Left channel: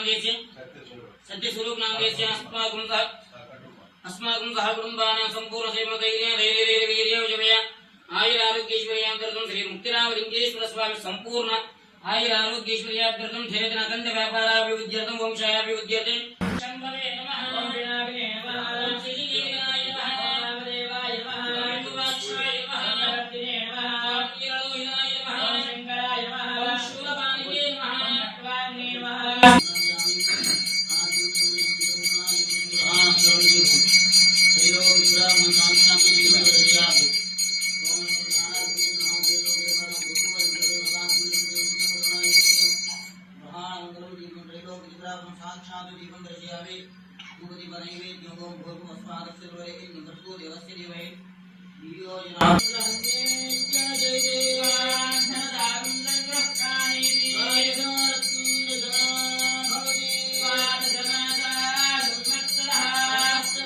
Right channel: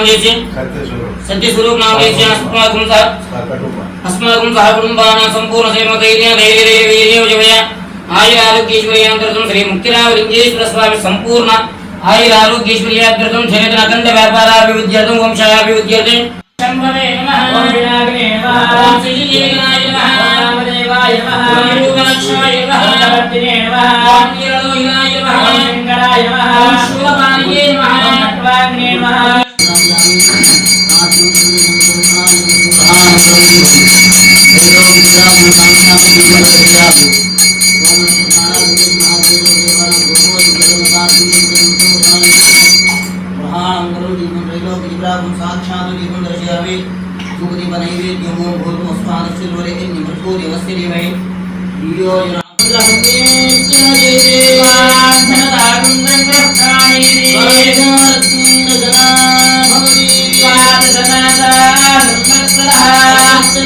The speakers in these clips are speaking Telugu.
नाम जैसे सत्य स्वरूप नाम जैसे अस्माकं सह अस्माकं सह कुटुंबानां संपूर्ण सेम धैर्य धैर्य वीर्य जय आयु आरोग्येश्वर्यांतरकं श्री मुक्तिरावलिंगेश्वर स्वामी संपूर्ण आयु आरोग्येश्वर्यांतरकं क्षेत्र अखंड व्यापाराभिवृद्ध्यर्थं वंशाभिवृद्ध्यर्थे शंभवे नमः ओम विनाग्ने नमः ओम श्रीयेनाय नमः ओम देवाय नमः ओम रूपलक्ष्माय नमः ओम वर्तिने नमः ओम किरणोहिनाय नमः ओम शंकराय नमः ओम शूलपाणिये नमः ओम नटवाग्ने नमः नहीं होगी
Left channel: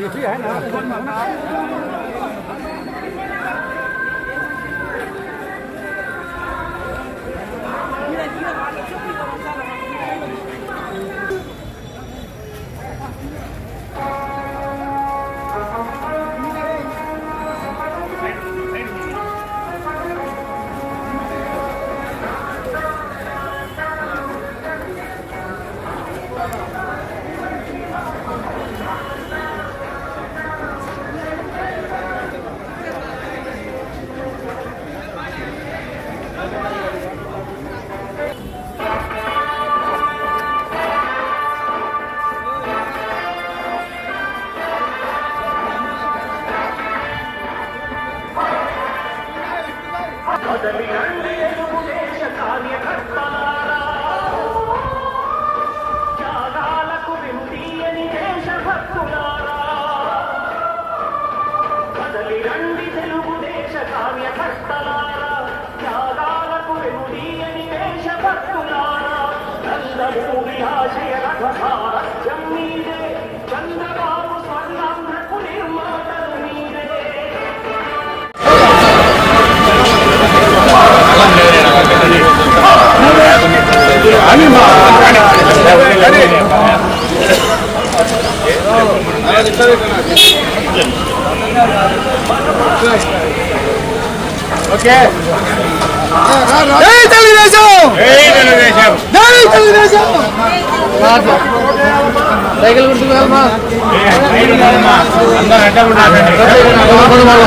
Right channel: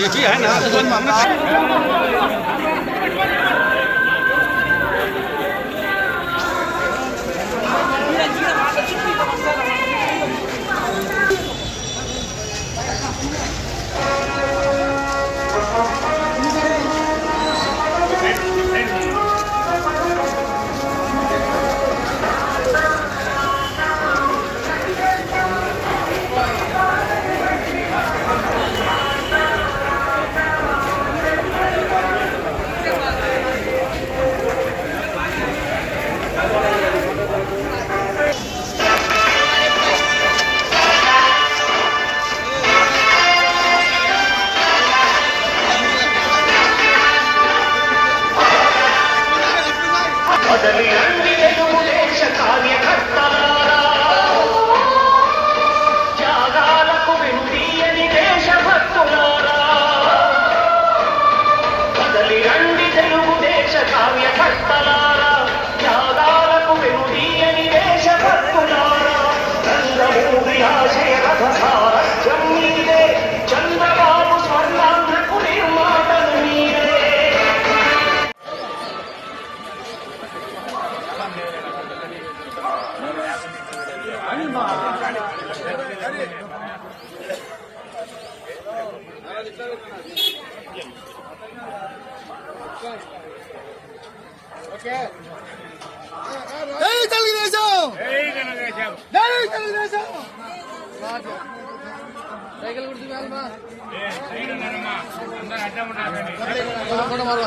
ये भी है ना రంగమూరి ఆశయ రథ సారథ్యం మీదే చంద్రబాబు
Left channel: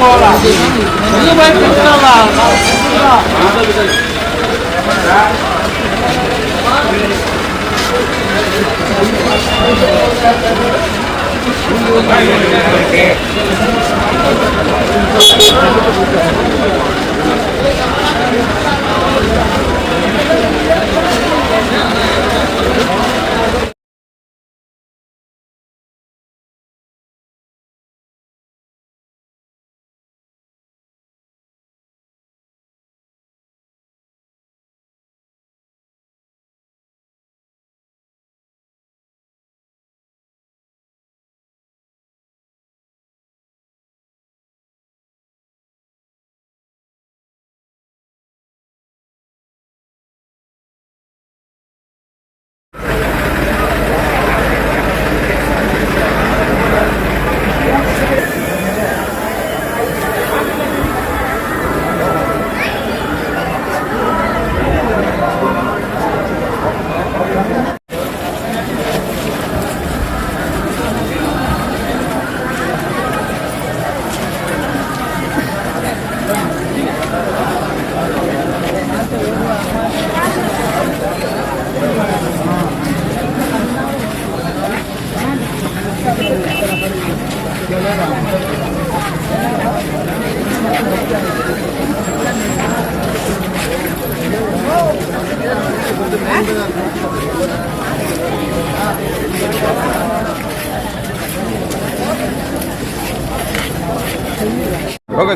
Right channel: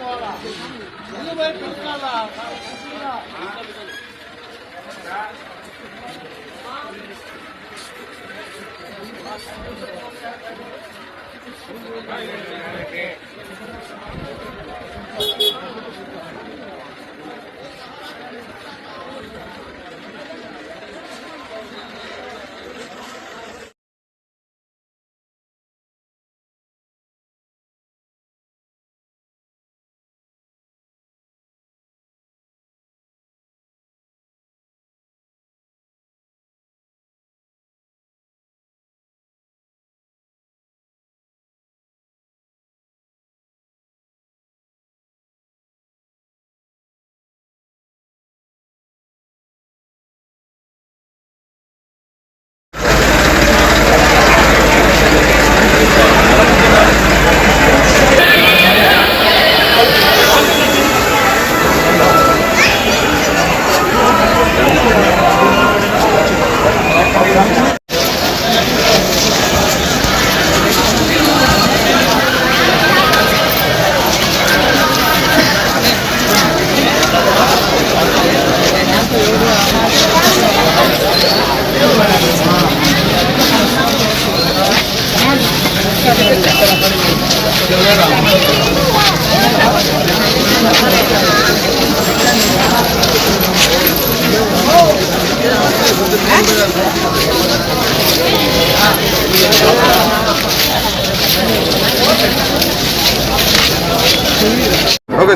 పోవాలా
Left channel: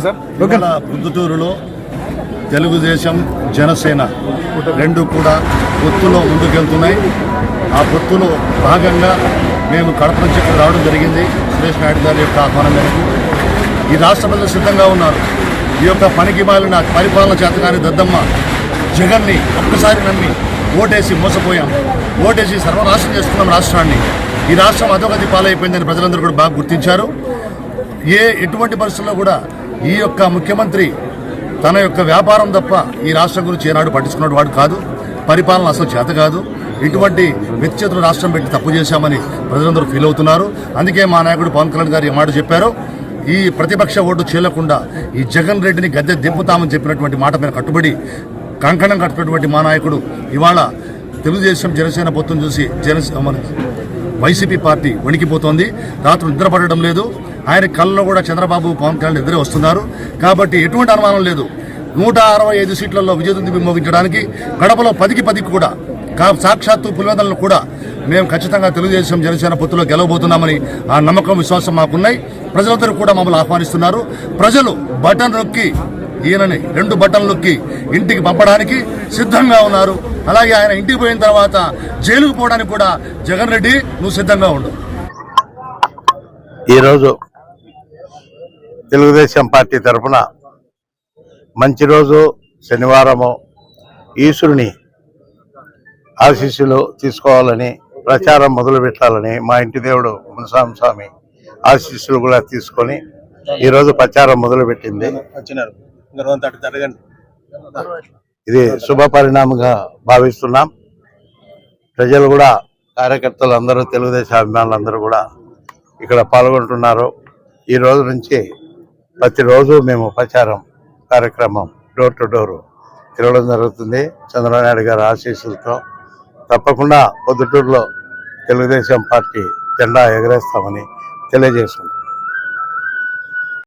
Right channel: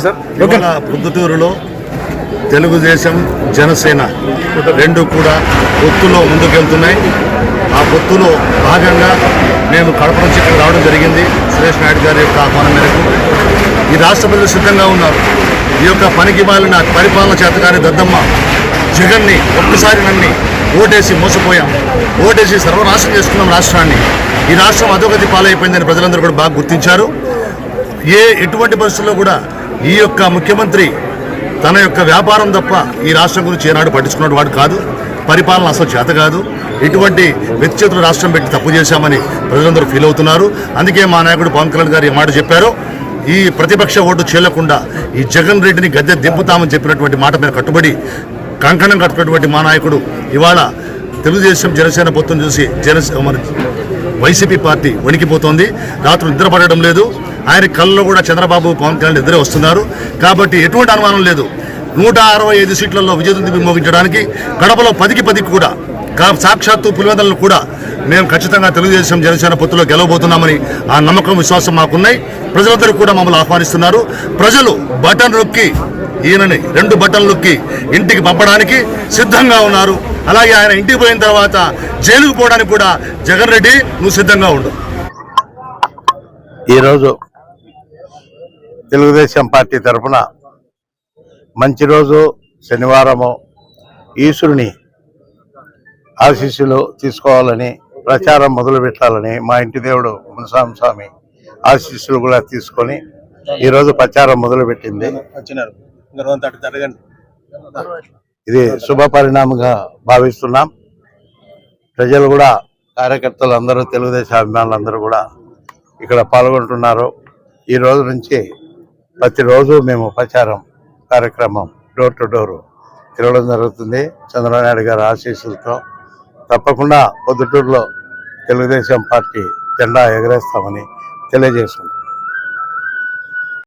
ఓకే సార్. ఇవాళ పొద్దుటూరులో తెలుగుదేశం జనసేన రెండు కూడా పొత్తులో ముందుకెళ్తున్నాయి. ఆ పొత్తులో భాగంగా మేము కడప నుంచి ఇక్కడ రావడం జరిగింది. సురేష్ నాయుడు గారి యొక్క ఆహ్వానం మేరకు. ఈ రాష్ట్ర ప్రజలు సిద్ధంగా ఉన్నారు. ఈ యొక్క పనికి మాలిన పరిపాలన చేతగాని దద్దమ్మ జగన్ని ఒక్కసారి నమ్మి ఓటేసి మోసపోయాం. ఓటేసి సర్వనాశనం చేసుకున్నాం రాష్ట్రాన్ని. ఈ రాష్ట్రం అధోగతి పాలైపోయిందని ప్రజలందరూ కూడా బాగా గుర్తించారు. ఏ ఎటువంటి పరిస్థితుల్లో కూడా ఈ యొక్క ముఖ్యమంత్రి తన యొక్క వ్యాపారం తప్ప ఈ రాష్ట్రం గురించి ఏనాడు పట్టించుకున్నాడు వాడు కాదు. పరిపాలన అసలు చేత కాదు. ఇటువంటి వ్యక్తిగతులు రాష్ట్రం పెట్టి తప్పు చేశామని ప్రజలందరూ ఫీల్ అవుతున్నారు. అందుకే మా నాయకుడు పవన్ కళ్యాణ్ గారు ఈ మాట చెప్పారు. ఈ ప్రతిపక్ష ఓటు చేయకుండా ఈ జగన్ రెడ్డిని గద్దె దింపుతామని చెప్పినటువంటి మాట మీద కట్టుబడి కంకణం కట్టుకున్నటువంటి మా నాయకుడు ఇవాళ తెలుగుదేశం జనసేన పొత్తును చూసి జనసేన వైసీపీ పార్టీ వణికిపోతోంది. రాత్రి నిద్ర పడడం లేదు. ఆయన కళ్ళలో కూడా చంద్రబాబు పవన్ కళ్యాణ్ ఇద్దరే వస్తున్నారు. కాబట్టి ఎటువంటి అనుమానం లేదు. నూట అరవై ఐదు సీట్లలో విజయదుంది మోగించడానికి కడపలో పదికి పదికి కూడా కా- సాక్షాత్తు పులివెందలను కూడా మేము ఖచ్చితంగా తెలుగుదేశం జనసేన పొత్తులో గెలవబోతున్నామని ఆ నమ్మకం విశ్వాసం మాకున్నాయి. ప్రజలందరూ కూడా మమ్మల్ని ఆహ్వానిస్తున్నారు. ప్రజలు బటన్ నొక్కి ఈయనని రెండు బటన్ నొక్కి ఇంటికి పంపడానికి సిద్ధంగా ఉన్నారు. అలాగే ఆయన ఇంటికి పోయిన తర్వాత జైలుకు పోవడానికి కూడా జగన్ రెడ్డి నువ్వు సిద్ధంగా ఉండు. ఈరోజు తెలుగుదేశం పార్టీ తరఫున మంచి రోజు శనివారము ఈశ్వరుని ఆశీస్సులు తీసుకోవాలని ప్రచారం మొదలు పెట్టాలని మా ఇంటి దేవుడు మునస్వామి స్వామి ఆశీస్సులు కూడా తీసుకొని ఈరోజు ప్రచారం మొదలు పెట్టింది. వచ్చినారు. ఇంకా రోజు అటు జరగండి. ఇది శుభ పరిణామంగా భావిస్తున్నాం. ప్రజలు కూడా కార్యకర్తలు అందరూ తెలుగుదేశం అభిమానులు అందరూ కూడా ఇక్కడ పాల్గొంటున్నారు. ఈ రోజు నుంచి ప్రతిరోజు మేము ప్రచారం కార్యక్రమం డోర్ టు డోరు తిరగడం జరుగుతుంది. చంద్రబాబు నాయుడు గారి ఆశీస్సులతో తప్పకుండా పొద్దుటూరులో తెలుగుదేశం పార్టీ జెండా ఎగరేస్తామని తెలియజేస్తున్నాం